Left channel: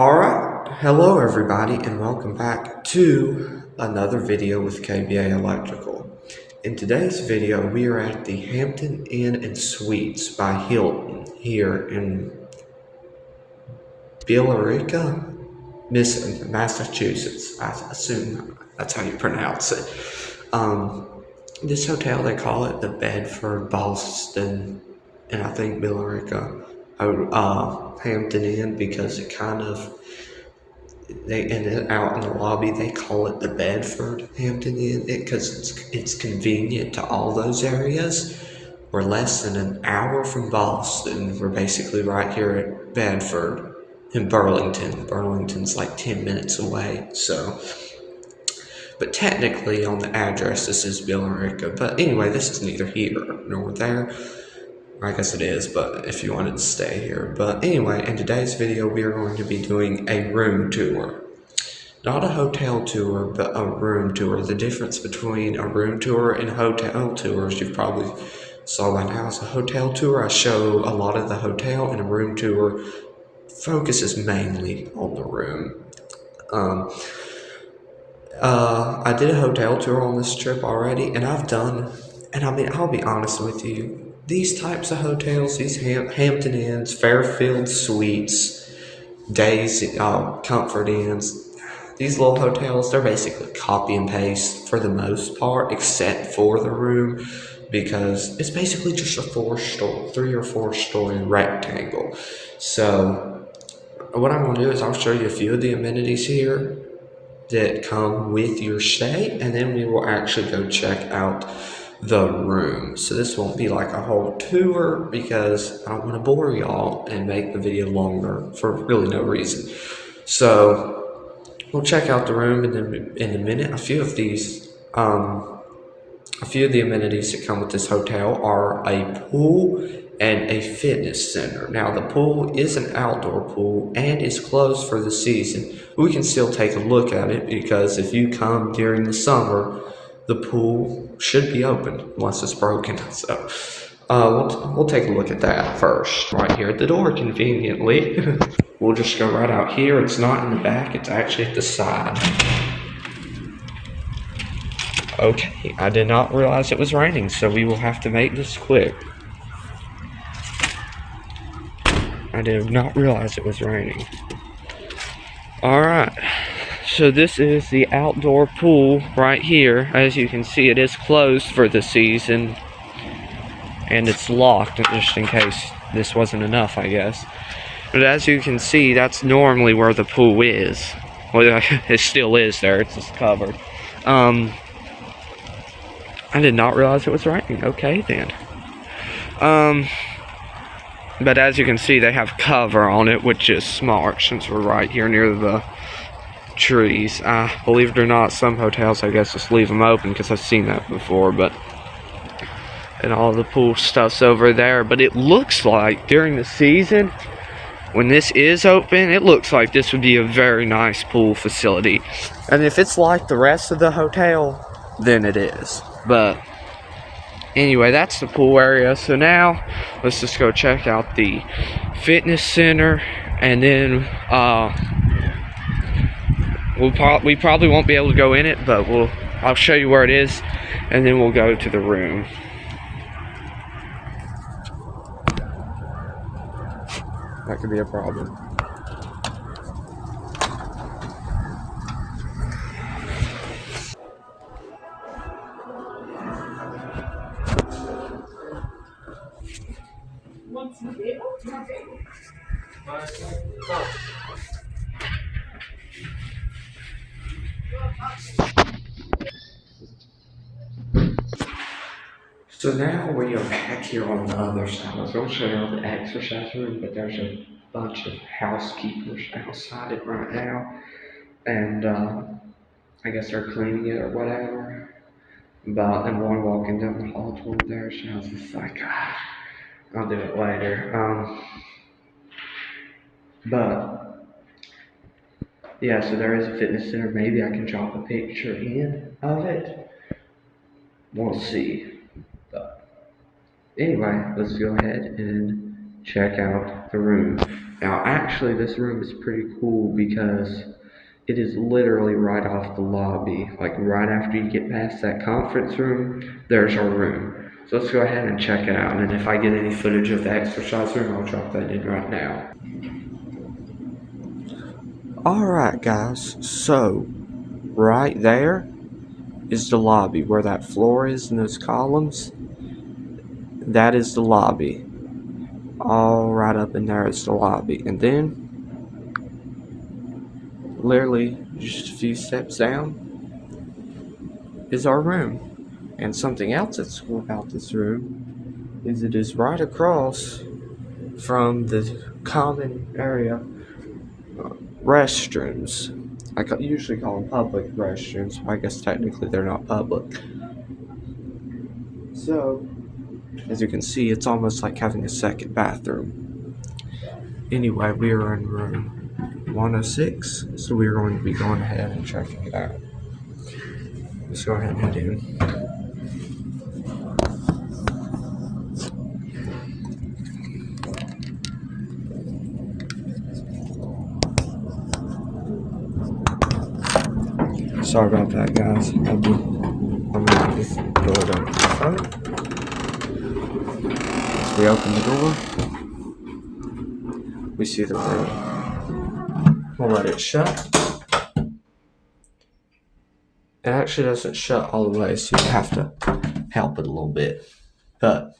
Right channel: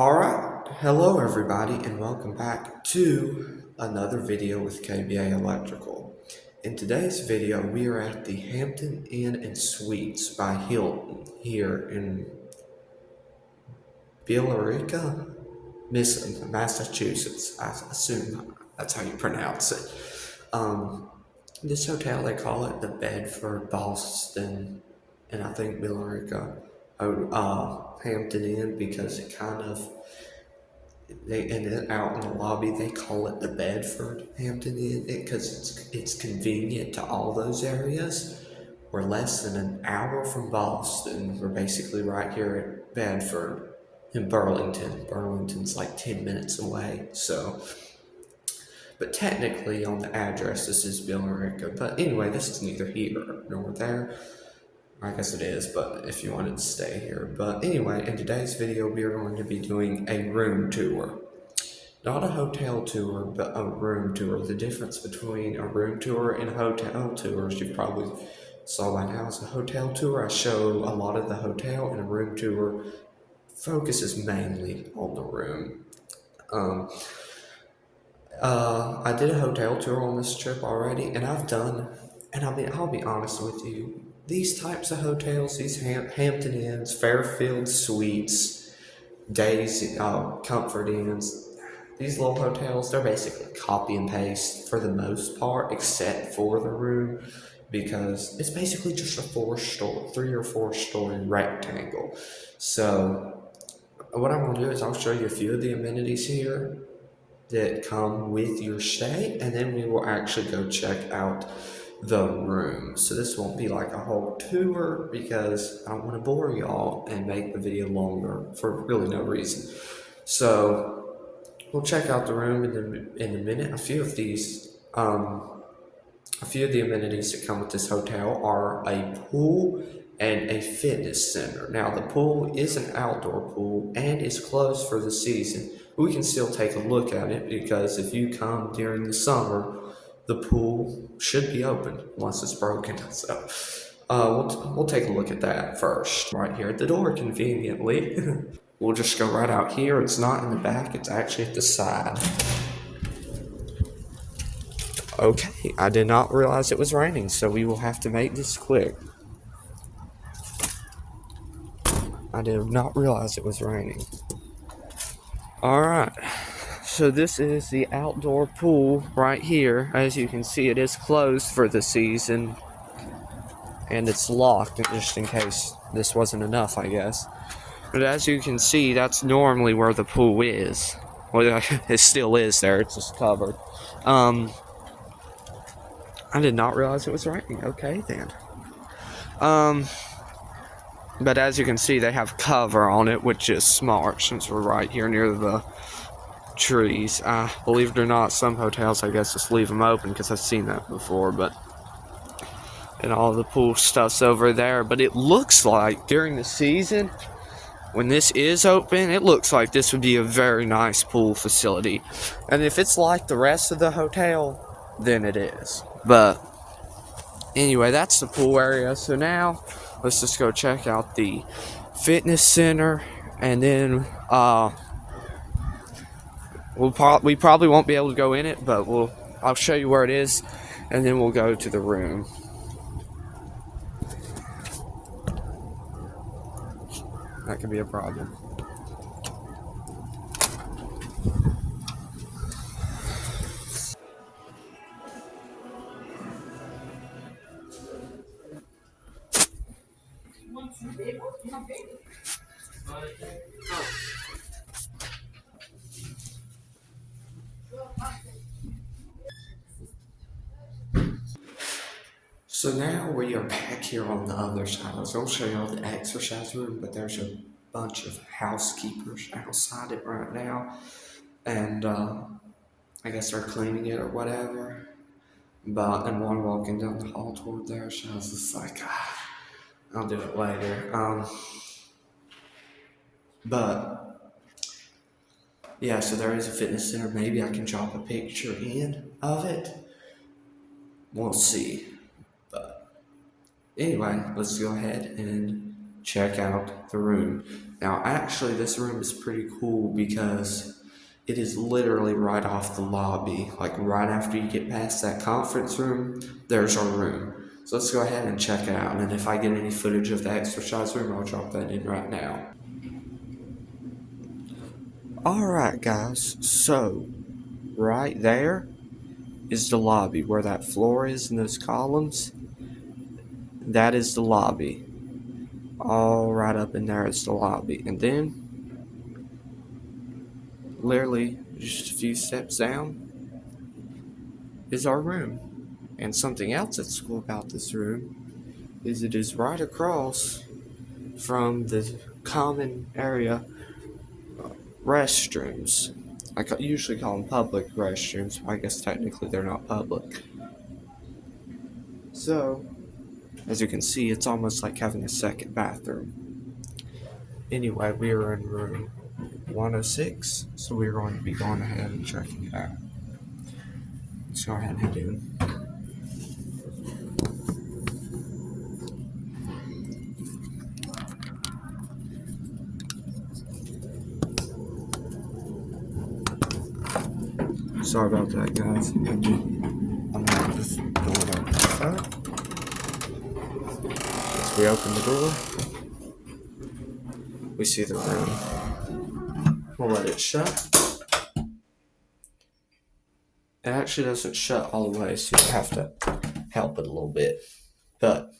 Alright, hello everybody and welcome back to another video with KBA Electrical. In today's video we are at the Hampton Inn and Suites by Hilton here in Billerica, Massachusetts. I assume that's how you pronounce it. This hotel, they call it the Bedford Boston, and I think Billerica, Hampton Inn, because it kind of, out in the lobby they call it the Bedford Hampton Inn because it's convenient to all those areas. We're less than an hour from Boston. We're basically right here at Bedford in Burlington. Burlington's like 10 minutes away, so. But technically on the address this is Billerica. But anyway, this is neither here nor there. I guess it is, but if you wanted to stay here. But anyway, in today's video, we are going to be doing a room tour. Not a hotel tour, but a room tour. The difference between a room tour and hotel tours, you've probably saw by now, is a hotel tour. I show a lot of the hotel, and a room tour focuses mainly on the room. I did a hotel tour on this trip already, and I'll be honest with you, these types of hotels, these Hampton Inns, Fairfield Suites, Days, Comfort Inns, these little hotels, they're basically copy and paste for the most part, except for the room, because it's basically just a 3 or 4 story rectangle. So what I'm gonna do is I'll show you a few of the amenities here that come with your stay, and then we will actually go check out the room. So this won't be like a whole tour because I don't want to bore y'all and make the video longer for really no reason. So we'll check out the room in a minute. A few of the amenities that come with this hotel are a pool and a fitness center. Now the pool is an outdoor pool and is closed for the season. We can still take a look at it because if you come during the summer, the pool should be open unless it's broken. So we'll take a look at that first. Right here at the door, conveniently. We'll just go right out here. It's not in the back, it's actually at the side. Okay, I did not realize it was raining, so we will have to make this quick. I did not realize it was raining. Alright, so this is the outdoor pool right here. As you can see, it is closed for the season, and it's locked just in case this wasn't enough, I guess. But as you can see, that's normally where the pool is. Well, it still is there, it's just covered. I did not realize it was raining. Okay, then. But as you can see, they have cover on it, which is smart since we're right here near the trees. Believe it or not, some hotels, I guess, just leave them open because I've seen that before. And all the pool stuff's over there. But it looks like during the season, when this is open, it looks like this would be a very nice pool facility. And if it's like the rest of the hotel, then it is. But anyway, that's the pool area. So now let's just go check out the fitness center, and then we probably won't be able to go in it, but I'll show you where it is, and then we'll go to the room. That could be a problem. So now we are back here on the other side. I was going to show you the exercise room, but there's a bunch of housekeepers outside it right now, and I guess they're cleaning it or whatever. But I'm one walking down the hall toward there, so I was just like, I'll do it later. But yeah, so there is a fitness center. Maybe I can drop a picture in of it. We'll see. But anyway, let's go ahead and check out the room. Now, actually, this room is pretty cool because it is literally right off the lobby. Like right after you get past that conference room, there's our room. So let's go ahead and check it out. And if I get any footage of the exercise room, I'll drop that in right now. Alright, guys. So, right there is the lobby where that floor is and those columns. That is the lobby. All right up in there is the lobby. And then, literally just a few steps down, is our room. And something else that's cool about this room is it is right across from the common area restrooms. Usually call them public restrooms, but I guess technically they're not public. So, as you can see, it's almost like having a second bathroom. Anyway, we are in room 106, so we are going to be going ahead and checking it out. Let's go ahead and head in. Sorry about that, guys. I'm going to just go down to the front. As we open the door, we see the room. We'll let it shut. It actually doesn't shut all the way, so you have to help it a little bit. But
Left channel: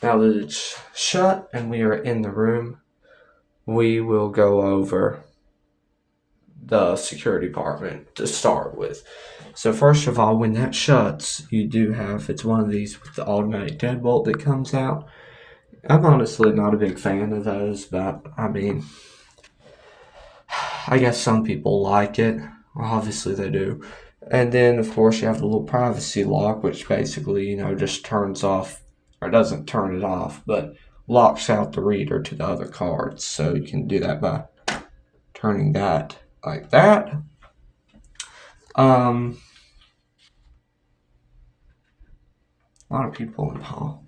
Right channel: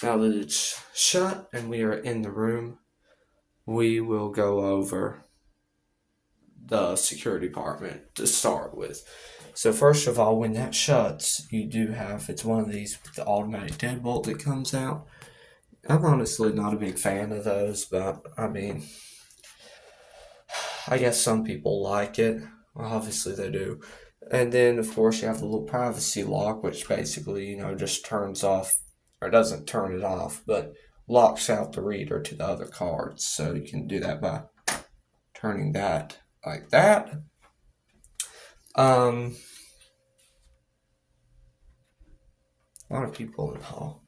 now that it's shut and we are in the room, we will go over the security department to start with. So first of all, when that shuts, you do have, it's one of these with the automatic deadbolt that comes out. I'm honestly not a big fan of those, but I mean, I guess some people like it. Well, obviously they do. And then, of course, you have the little privacy lock, which basically, just turns off, or doesn't turn it off, but locks out the reader to the other cards. So you can do that by turning that like that. A lot of people in the hall.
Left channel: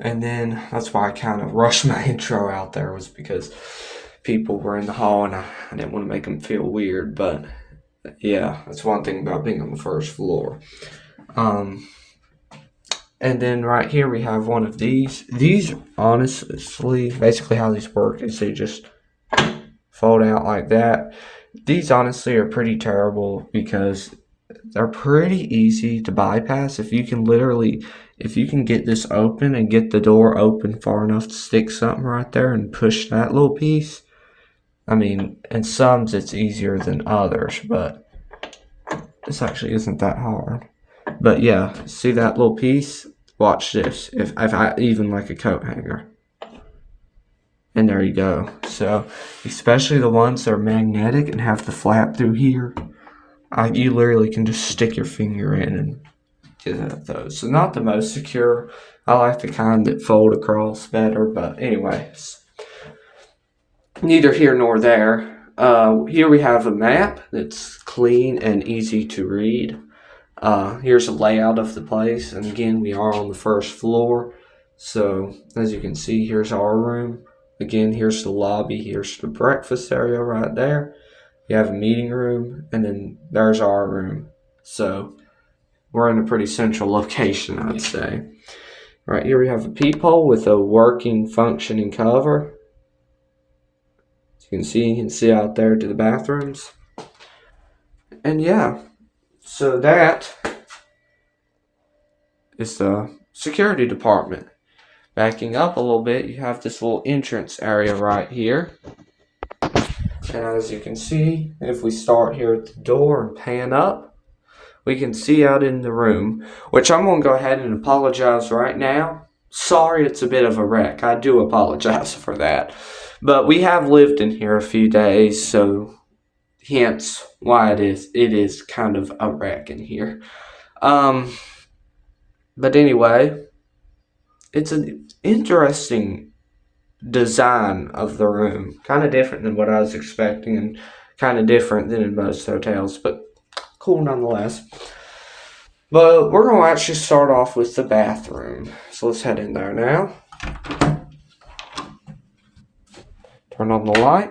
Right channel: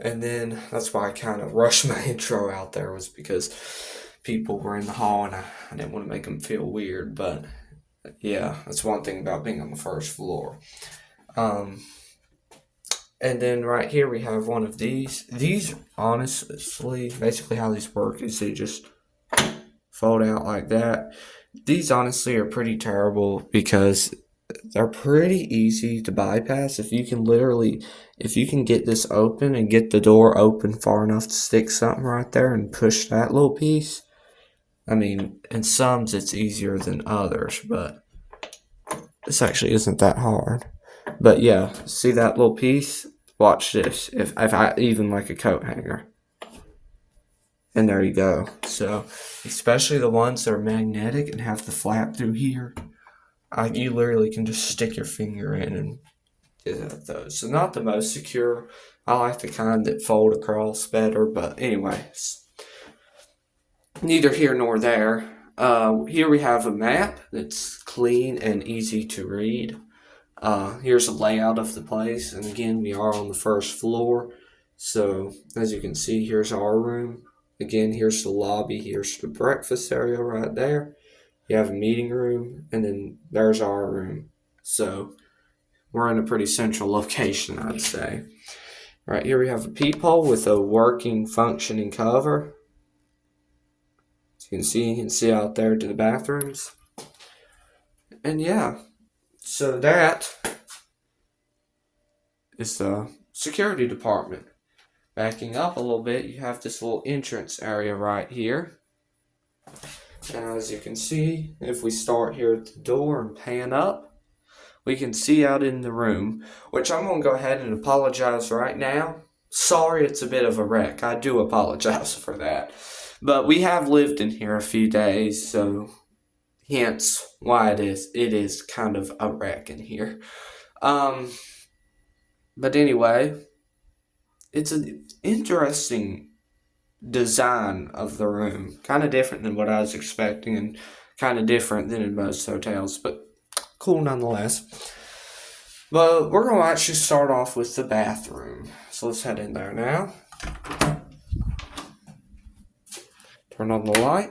And then that's why I kind of rushed my intro out there, was because people were in the hall and I didn't want to make them feel weird. But yeah, that's one thing about being on the first floor. And then right here we have one of these. These, honestly, basically how these work is they just fold out like that. These honestly are pretty terrible because they're pretty easy to bypass. If you can get this open and get the door open far enough to stick something right there and push that little piece. I mean, in some it's easier than others, but this actually isn't that hard. But yeah, see that little piece? Watch this. If I even like a coat hanger. And there you go. So, especially the ones that are magnetic and have the flap through here, you literally can just stick your finger in and get at those. So not the most secure. I like the kind that fold across better, but anyways, neither here nor there. Here we have a map that's clean and easy to read. Here's a layout of the place, and again, we are on the first floor. So as you can see, here's our room. Again, here's the lobby. Here's the breakfast area right there. You have a meeting room, and then there's our room. So we're in a pretty central location, I'd say. Right here we have a peephole with a working, functioning cover. As you can see out there to the bathrooms. And yeah, so that is the security department. Backing up a little bit, you have this little entrance area right here. And as you can see, if we start here at the door and pan up, we can see out in the room, which I'm going to go ahead and apologize right now. Sorry it's a bit of a wreck. I do apologize for that. But we have lived in here a few days, so hence why it is kind of a wreck in here. But anyway, it's an interesting design of the room. Kind of different than what I was expecting and kind of different than in most hotels, but cool nonetheless. But we're going to actually start off with the bathroom. So let's head in there now. Turn on the light.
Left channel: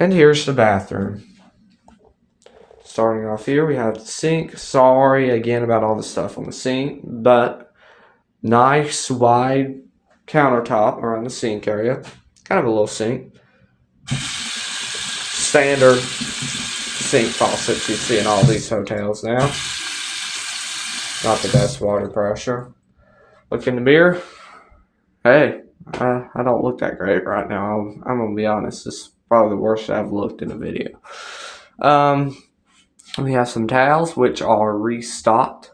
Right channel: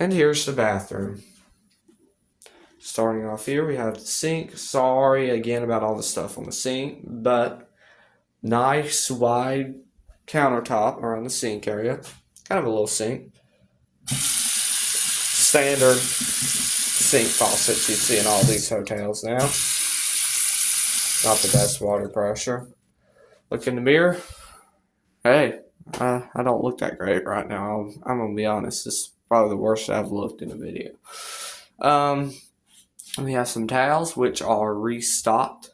And here's the bathroom. Starting off here, we have the sink. Sorry again about all the stuff on the sink, but nice wide countertop around the sink area. Kind of a little sink. Standard sink faucets you see in all these hotels now. Not the best water pressure. Look in the mirror. Hey, I don't look that great right now. I'm gonna be honest. This is probably the worst I've looked in a video. We have some towels which are restocked.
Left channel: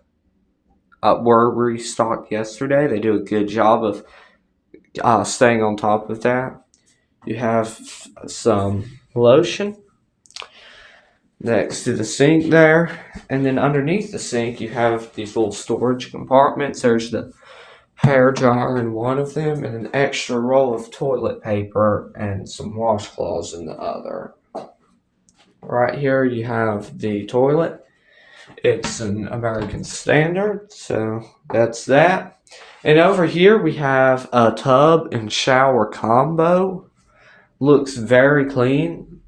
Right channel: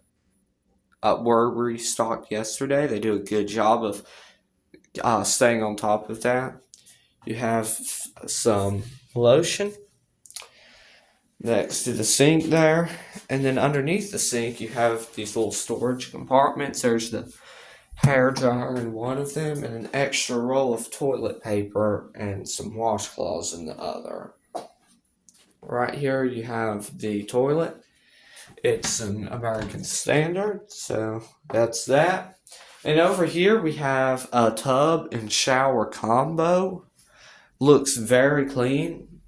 Were restocked yesterday. They do a good job of staying on top of that. You have some lotion next to the sink there, and then underneath the sink you have these little storage compartments. There's the hair dryer in one of them, and an extra roll of toilet paper and some washcloths in the other. Right here you have the toilet. It's an American Standard, so that's that. And over here we have a tub and shower combo. Looks very clean.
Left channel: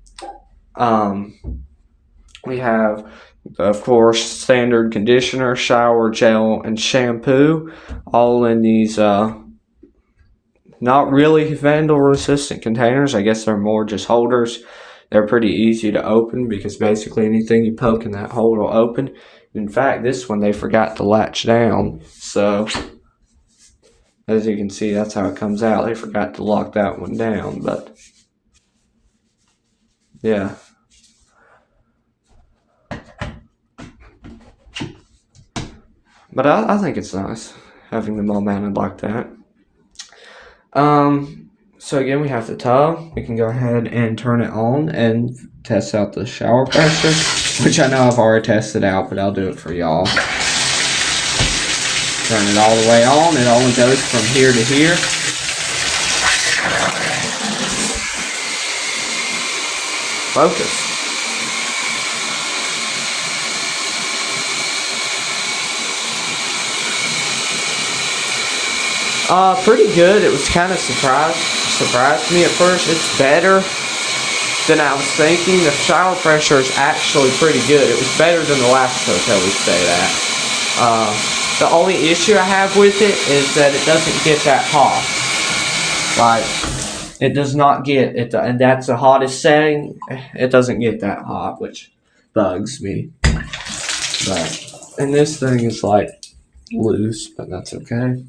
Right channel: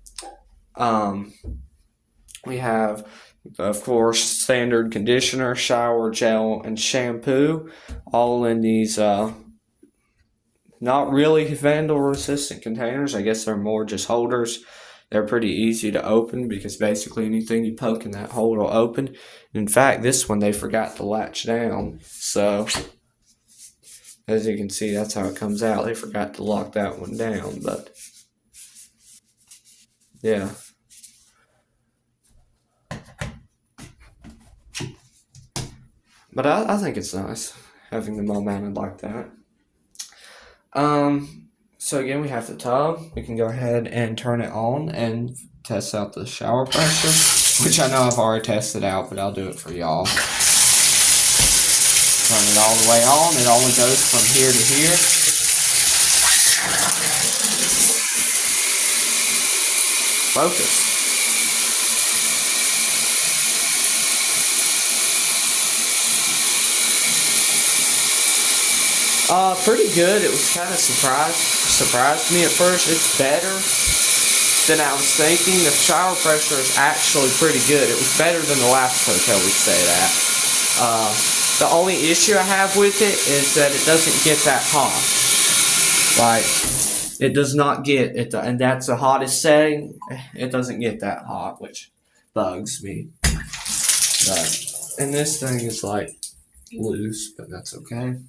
We have, of course, standard conditioner, shower gel, and shampoo, all in these not really vandal-resistant containers. I guess they're more just holders. They're pretty easy to open because basically anything you poke in that hole will open. In fact, this one they forgot to latch down, so as you can see, that's how it comes out. They forgot to lock that one down, but yeah. But I think it's nice having them all mounted like that. So again, we have the tub. We can go ahead and turn it on and test out the shower pressure, which I know I've already tested out, but I'll do it for y'all. Turn it all the way on. It only goes from here to here. Focus. Pretty good. It was kind of surprised me at first. It's better than I was thinking. The shower pressure is actually pretty good. It was better than the last hotel we stayed at. The only issue I have with it is that it doesn't get that hot. Like, it does not get it, and that's the hottest setting. It doesn't get that hot, which bugs me. And this thing is like loose, but that's okay.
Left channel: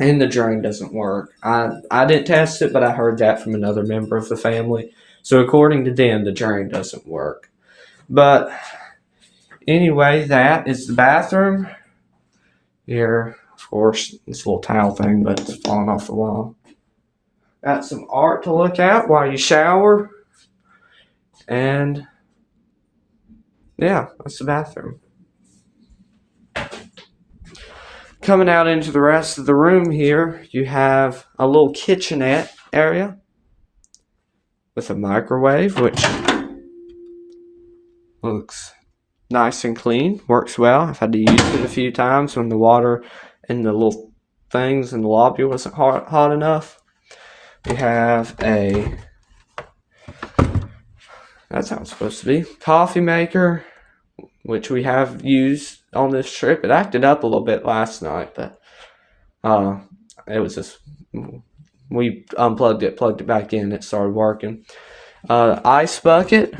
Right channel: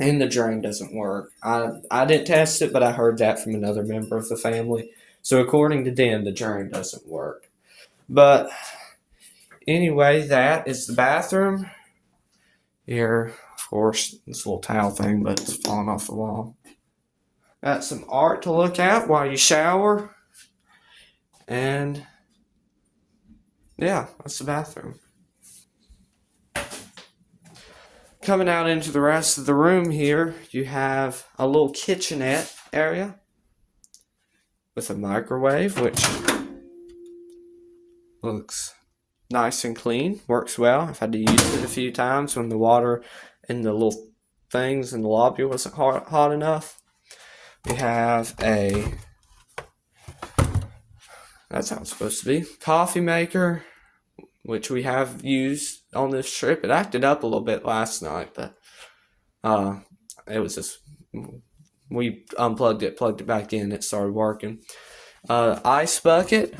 And the drain doesn't work. I didn't test it, but I heard that from another member of the family. So according to them, the drain doesn't work. But anyway, that is the bathroom. Here, of course, this little towel thing, but it's falling off the wall. Got some art to look at while you shower. And yeah, that's the bathroom. Coming out into the rest of the room here, you have a little kitchenette area with a microwave, which looks nice and clean, works well. I've had to use it a few times when the water in the little things in the lobby wasn't hot enough. We have that's how it's supposed to be, coffee maker, which we have used on this trip. It acted up a little bit last night, but it was just, we unplugged it, plugged it back in, it started working. Ice bucket,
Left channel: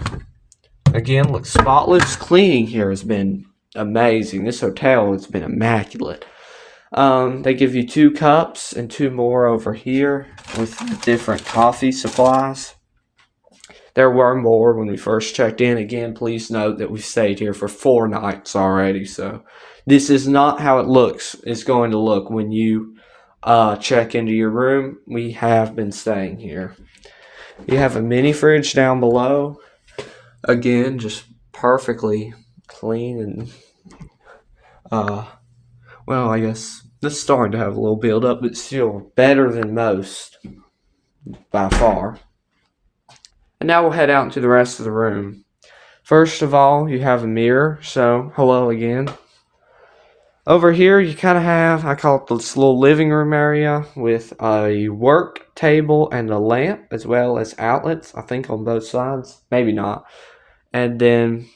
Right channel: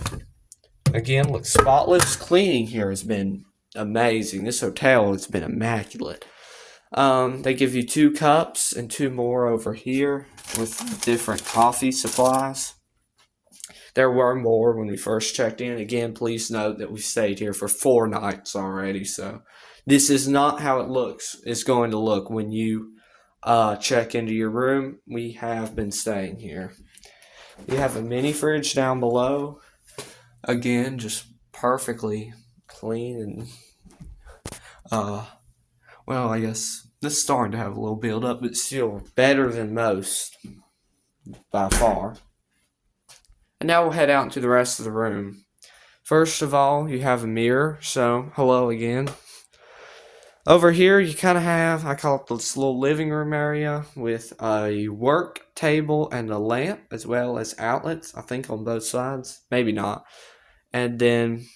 again, looks spotless. Cleaning here has been amazing. This hotel has been immaculate. They give you 2 cups and 2 more over here with different coffee supplies. There were more when we first checked in. Again, please note that we've stayed here for 4 nights already. So this is not how it looks. It's going to look when you check into your room. We have been staying here. You have a mini fridge down below. Again, just perfectly clean and well, I guess it's starting to have a little build up, but still better than most by far. And now we'll head out into the rest of the room. First of all, you have a mirror, so hello again. Over here, you kind of have, I call it this little living room area with a work table and a lamp, as well as outlets, I think on both sides. Maybe not. And then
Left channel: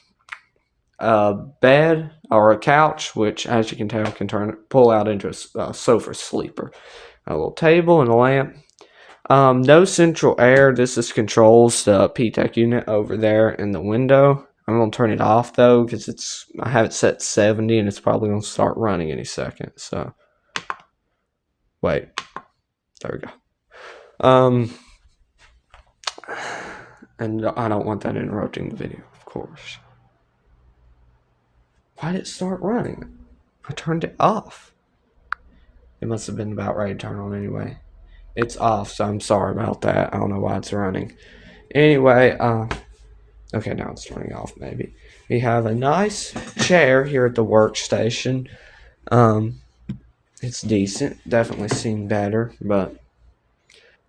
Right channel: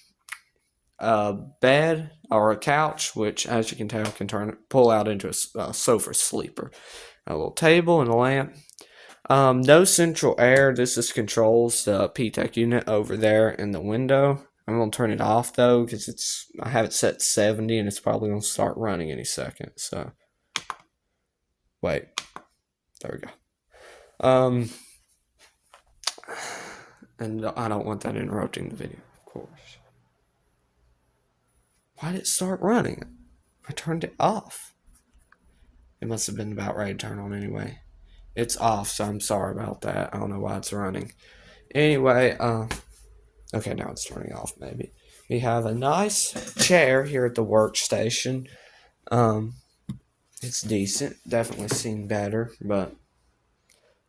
a bed or a couch, which, as you can tell, can pull out into a sofa sleeper. A little table and a lamp. No central air. This is controls the P-Tech unit over there in the window. I'm gonna turn it off though because I have it set to 70 and it's probably gonna start running any second. So wait, there we go. And I don't want that interrupting the video, of course. Why did it start running? I turned it off. It must have been about ready to turn on anyway. It's off, so I'm sorry about that. I don't know why it's running. Anyway, okay, now it's turning off maybe. We have a nice chair here at the workstation. It's decent. Definitely seen better, but...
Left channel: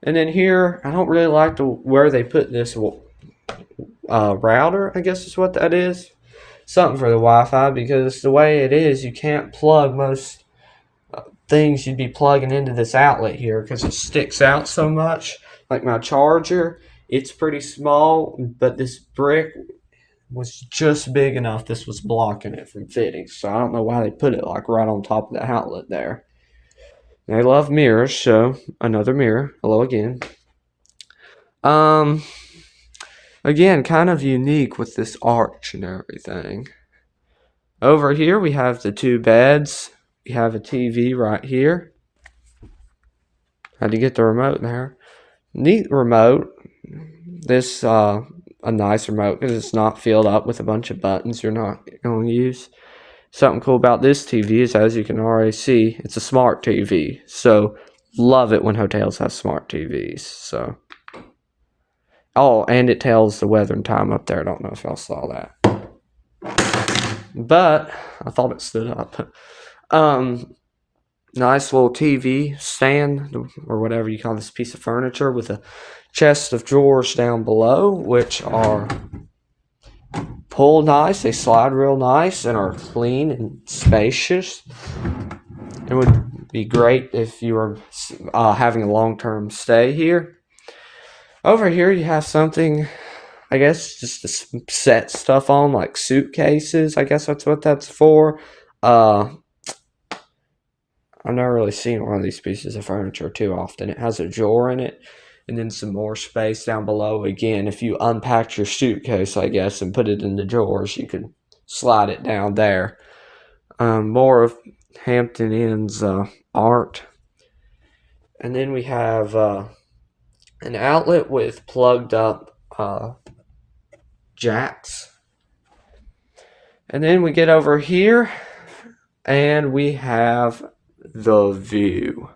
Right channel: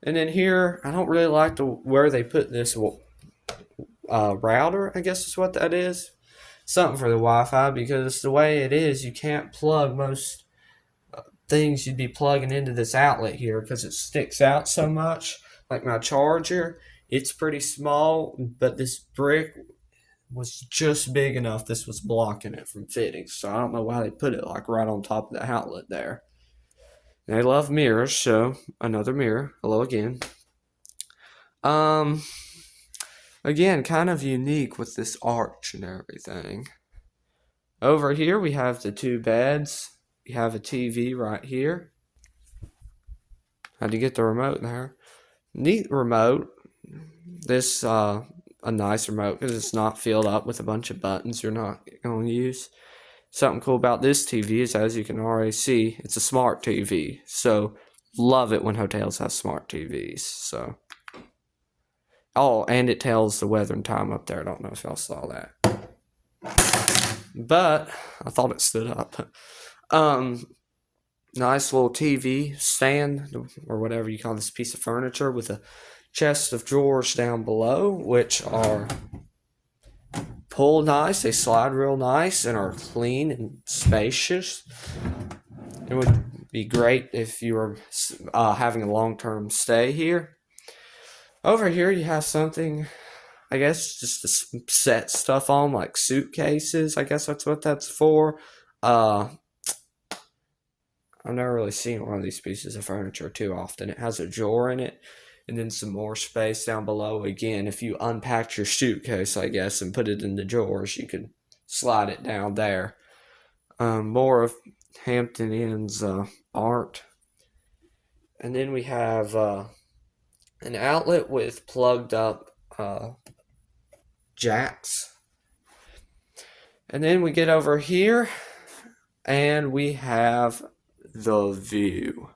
And then here, I don't really like where they put this router, I guess is what that is. Something for the Wi-Fi, because the way it is, you can't plug most things you'd be plugging into this outlet here because it sticks out so much. Like my charger, it's pretty small, but this brick was just big enough this was blocking it from fitting. So I don't know why they put it like right on top of the outlet there. And I love mirrors, so another mirror. Hello again. Again, kind of unique with this arch and everything. Over here we have the two beds. We have a TV right here. Had to get the remote there. Neat remote. This a nice remote because it's not filled up with a bunch of buttons you're not going to use. Something cool about this TV is, as you can already see, it's a smart TV. So love it when hotels have smart TVs. So, oh, and it tells the weather and time up there. I don't know if y'all saw that, but I thought it stood up. Nice little TV stand or whatever you call this piece of furniture with a chest of drawers down below, which are pull nice. They slide real nice and are clean and spacious. It would be great if you were having a long-term stay here. Over here you have something, I guess, just to set stuff on, like suitcases. I guess that's what that's for. I've never really seen one of these pieces of furniture too often. It has a drawer in it, and then some more space down below. Again, if you unpacked your suitcase, I guess, and put it in the drawers, you could slide it down there. More of Hampton Inn's art. And then we have an outlet with plugged up jacks. And then we get over here, and we have the view.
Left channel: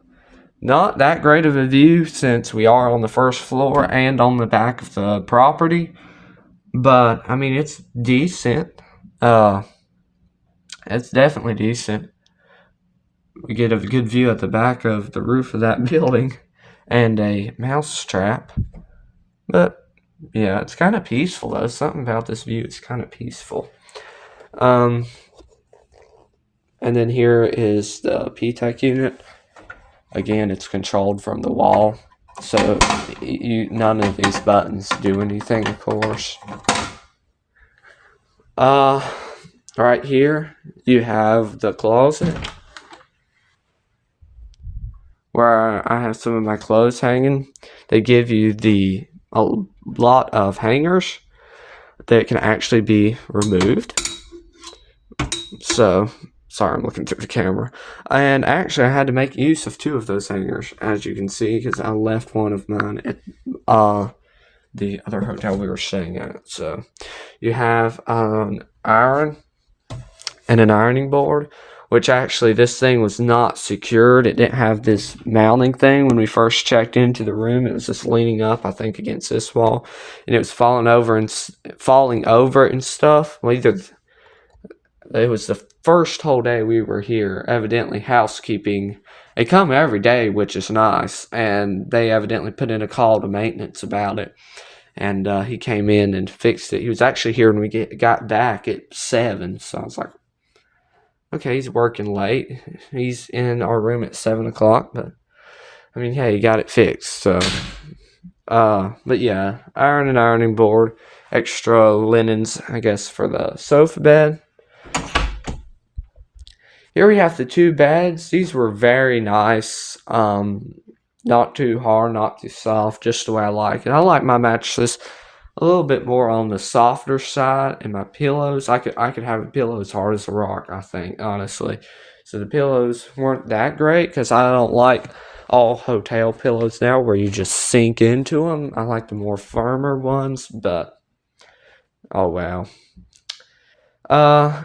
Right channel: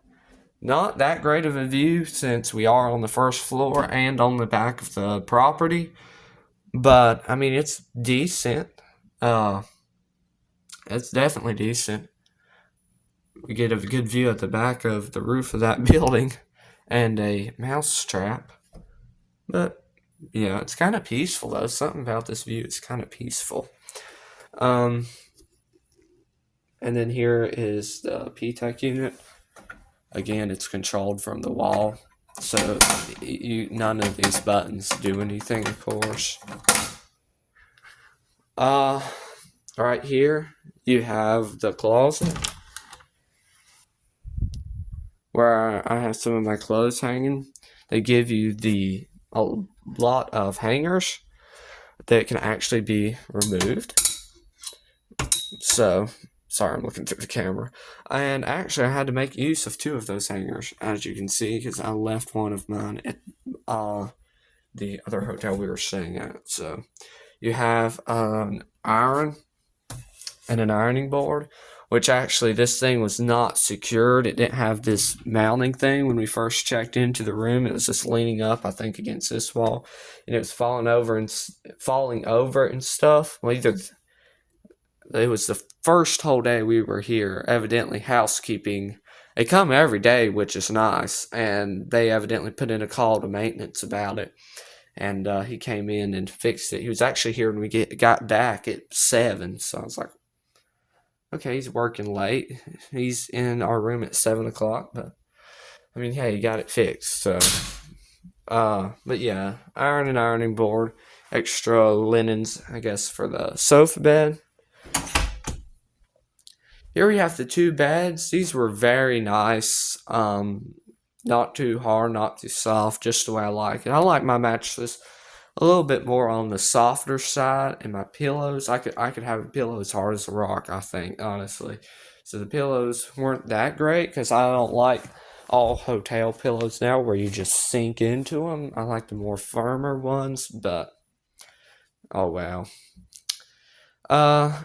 Not that great of a view since we are on the first floor and on the back of the property, but I mean it's decent. It's definitely decent. We get a good view at the back of the roof of that building and a mouse trap. But yeah, it's kind of peaceful though. Something about this view is kind of peaceful. And then here is the P-Tech unit. Again, it's controlled from the wall, so none of these buttons do anything, of course. Right here, you have the closet, where I have some of my clothes hanging. They give you a lot of hangers that can actually be removed. So, sorry, I'm looking through the camera. And actually, I had to make use of two of those hangers, as you can see, because I left one of mine at the other hotel we were staying at. So, you have an iron and an ironing board, which actually this thing was not secured. It didn't have this mounting thing when we first checked into the room. It was just leaning up, I think, against this wall, and it was falling over and stuff. Well, it was the first whole day we were here. Evidently, housekeeping, they come every day, which is nice, and they evidently put in a call to maintenance about it. And he came in and fixed it. He was actually here when we got back at 7, so I was like, Okay, he's working late. He's in our room at 7 o'clock, but I mean, hey, he got it fixed, so. But yeah, iron and ironing board, extra linens, I guess, for the sofa bed. Here we have the two beds. These were very nice. Not too hard, not too soft, just the way I like it. I like my mattresses a little bit more on the softer side, and my pillows, I could have a pillow as hard as a rock, I think, honestly. So the pillows weren't that great because I don't like all hotel pillows now where you just sink into them. I like the more firmer ones, but oh well. Uh,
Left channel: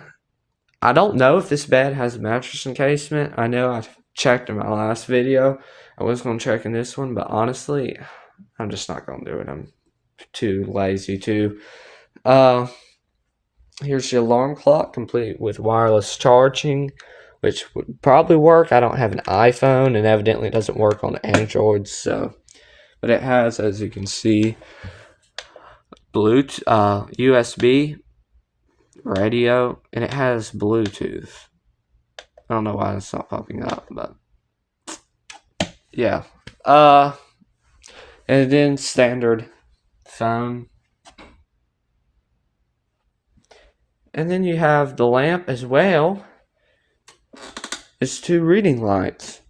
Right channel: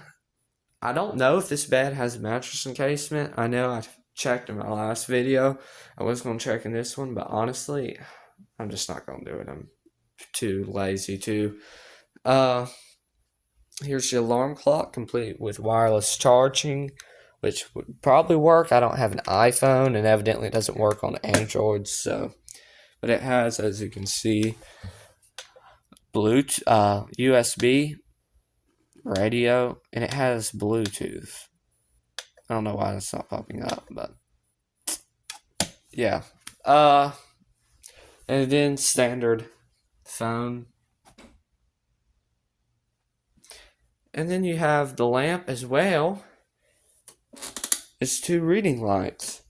I don't know if this bed has a mattress encasement. I know I checked in my last video. I was going to check in this one, but honestly, I'm just not going to do it. I'm too lazy to. Here's the alarm clock, complete with wireless charging, which would probably work. I don't have an iPhone, and evidently it doesn't work on Android, so. But it has, as you can see, Bluetooth, USB, radio, and it has Bluetooth. I don't know why it's not popping up, but yeah. And then standard phone. And then you have the lamp as well. It's two reading lights,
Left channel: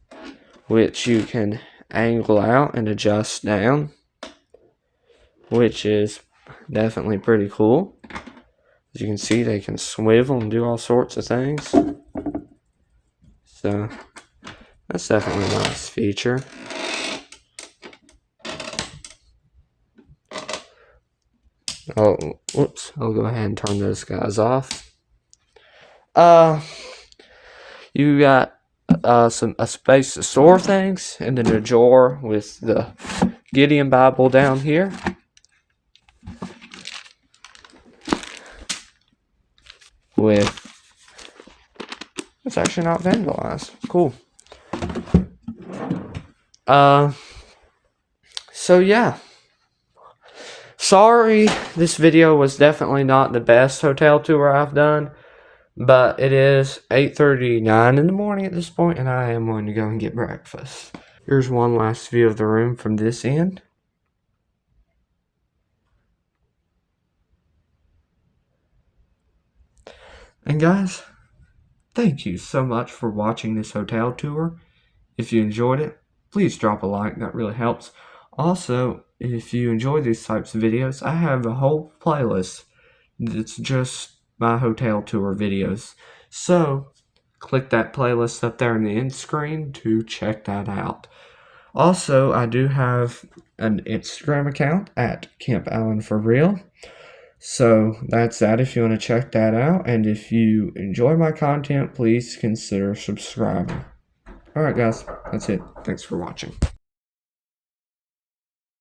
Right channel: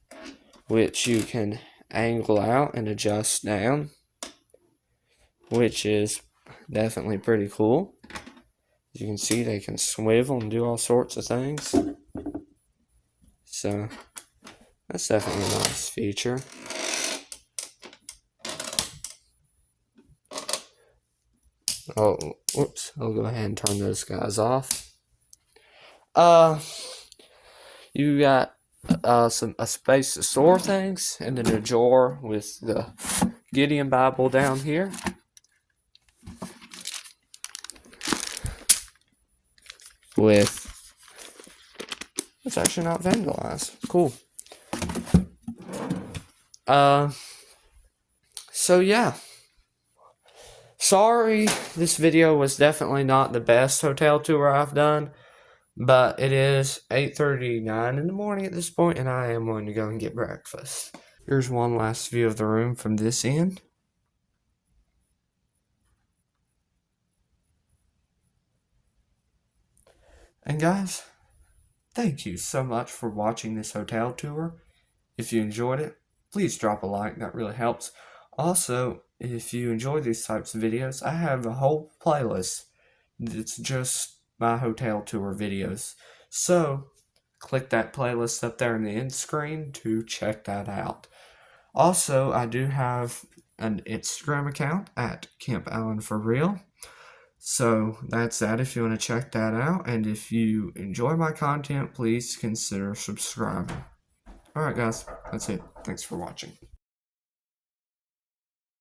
which you can angle out and adjust down, which is definitely pretty cool. As you can see, they can swivel and do all sorts of things. So that's definitely a nice feature. Oh, whoops. I'll go ahead and turn those guys off. You got a space to store things, and then a drawer with the Gideon Bible down here. It's actually not vandalized. Cool. So yeah. Sorry, this video was definitely not the best hotel tour I've done, but it is 8:39 in the morning at this point, and I am going to go and get breakfast. Here's one last view of the room from this end. And guys, thank you so much for watching this hotel tour. If you enjoyed it, please drop a like, that really helps. Also, if you enjoy these types of videos, I have a whole playlist that's just my hotel tour videos. So, click that playlist up there in the end screen to check that out. Also, I do have an Instagram account at Camp Allen for Real. So that's that if you want to check that out. And if you enjoy my content, please consider subscribing. Alright guys, that's it. Thanks for watching.